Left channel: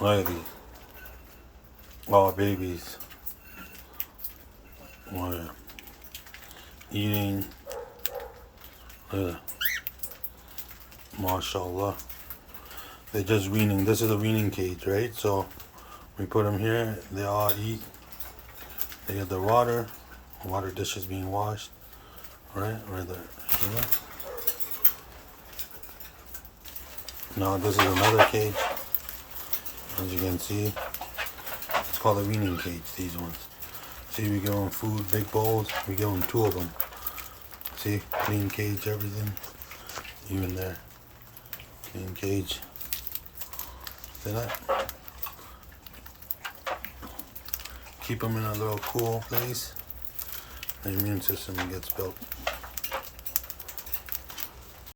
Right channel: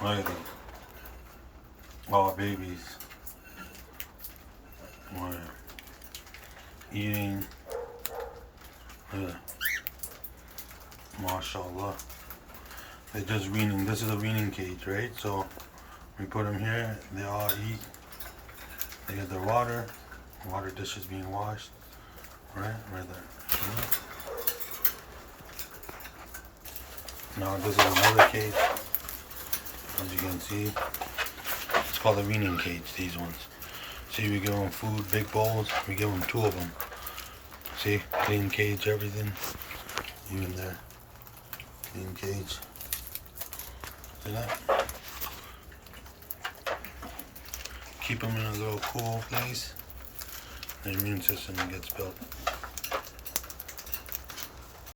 Riley. All babies. Oh, yeah. Eating. Yeah. MashaAllah. They're just weaning. This is a weaning cage, right? So we put them here. They all eat. They get the water. Water dishes being washed. Right there. Yeah. Now this is another cage. As you can see, it's called a weaning cage. These ones. See, we give them food, big bowls. We give them 2 of them. See, clean cage, everything. Even there, clean cage. See that? Keep them in a little cool place. The immune system gets built.